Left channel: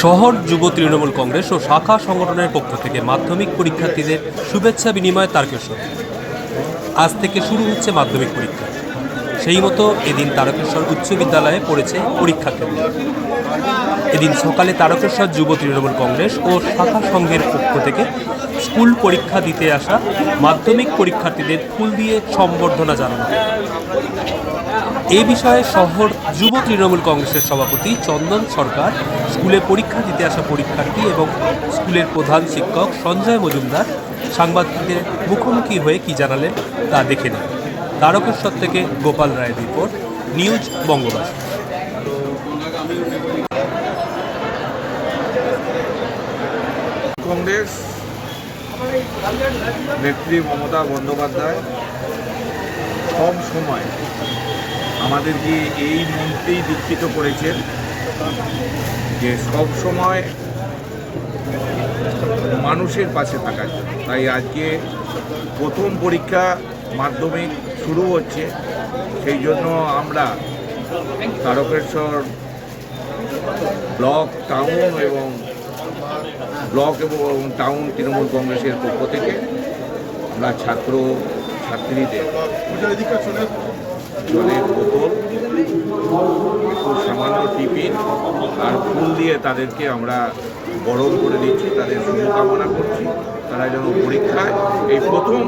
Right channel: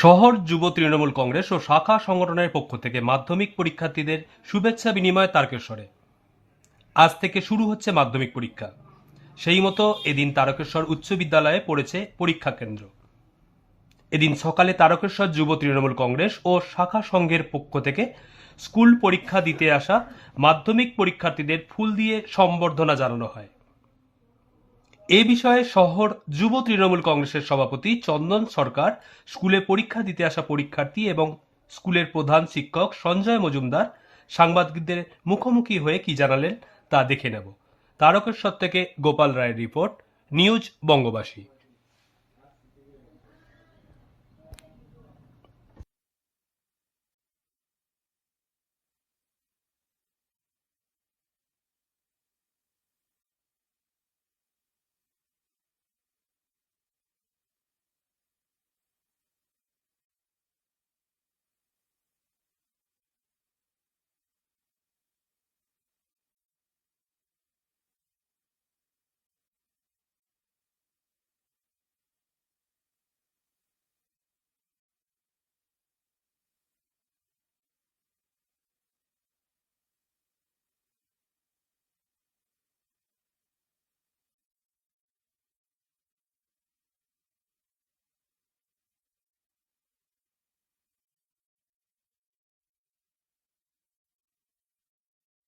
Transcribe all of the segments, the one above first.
শহর যুব তৃণমূল কংগ্রেস ও শাখা সংগঠনের পক্ষ থেকে মাধ্যমিক পরীক্ষার্থীদের শুভেচ্ছা বিনিময় তারকেশ্বর। আজ থেকে শুরু হচ্ছে মাধ্যমিক পরীক্ষা। সেই মতো এদিন তারকেশ্বর উচ্চ বিদ্যালয়ে পড়েছে পরীক্ষা কেন্দ্র। এদিন সকালে তারকেশ্বর যুব তৃণমূল কংগ্রেস ও শাখা সংঘের পক্ষ থেকে স্কুল পরীক্ষা দিতে আসা মাধ্যমিক পরীক্ষার্থীদের ফুল দিয়ে সম্বর্ধনা জানানো হয়। এ বিষয়ে শহর যুব তৃণমূল কংগ্রেসের সভাপতি চন্দন সরকার স্কুলে পরীক্ষা দিতে আসা পরীক্ষার্থী এবং স্কুলের প্রধান শিক্ষক সঞ্জয় মজুমদার সাংবাদিকদের মুখোমুখি হয়ে কি জানালেন তা দেখে নেন। তারকেশ্বর থেকে গোপাল রায়ের রিপোর্ট, নিউজ বঙ্গবাসী। কংগ্রেস নেত্রী মমতা বন্দ্যোপাধ্যায় সব সময় আমাদেরকে এই মন্ত্রেই দীক্ষিত করেছেন যে সব সময় মানুষের পাশে থাকার জন্য। তাই আজকে প্রথম পরীক্ষা মাধ্যমিক শুরু হচ্ছে, সেই জন্য আমরা তারকেশ্বর ব্লক টাউন এবং টাউন তৃণমূল কংগ্রেসের পক্ষ থেকে আমরা ছাত্র ছাত্রীদের জলের বোতল, একটু সামান্য টিফিন আর ফুল দিয়ে তাদেরকে আমরা বরণ করে দিচ্ছি। তাদের শুভকামনা করছি তারা যেন পরীক্ষায়, এই প্রথম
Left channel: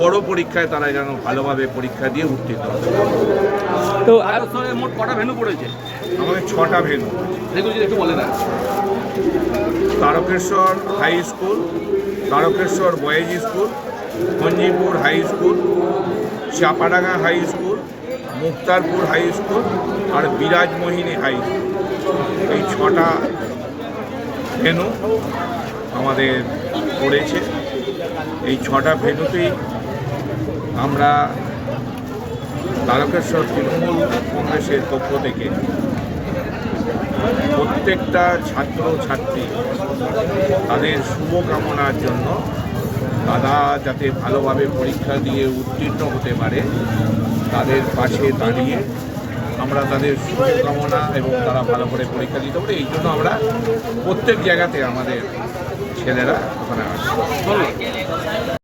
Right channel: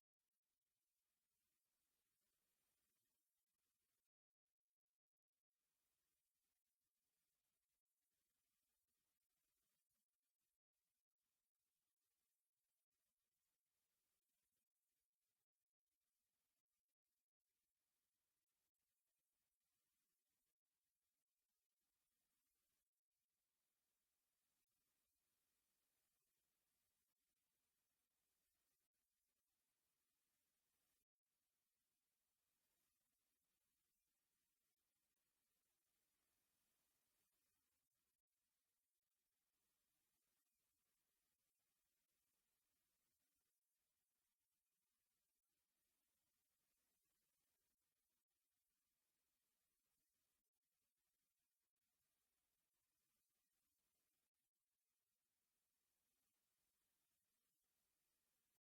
বড় পরীক্ষায় তারা যেন ভালোভাবে পরীক্ষা দিয়ে উত্তীর্ণ হতে পারে। তো মোট কটা ভেন্যু পড়েছে? আমাদের 6টা ভেন্যু। একটু বলে না। Tarakeswar high school, Tarakeswar boys school, Manjipur high school, Chapadanga high school, Muktarpur high school আর বিরাজমোহিনী হাই স্কুল। এই 6টা ভেন্যু আমাদের পড়েছে। এই 6টা ভেন্যুতেই আমরা তারকেশ্বর তৃণমূল কংগ্রেসের পক্ষ থেকে প্রত্যেকটা ছাত্র ছাত্রী তাদের শুভকামনার জন্য তারা যাতে ভালোভাবে পরীক্ষা দিয়ে উত্তীর্ণ হতে পারে তাদের পাশে দাঁড়িয়ে আমরা তাদের শুভকামনা এবং তারা ভালো করে পরীক্ষা দিতে পারে এই জন্য আমরা প্রত্যেক জায়গাতে আমাদের ছেলেরা ওখানে আসে।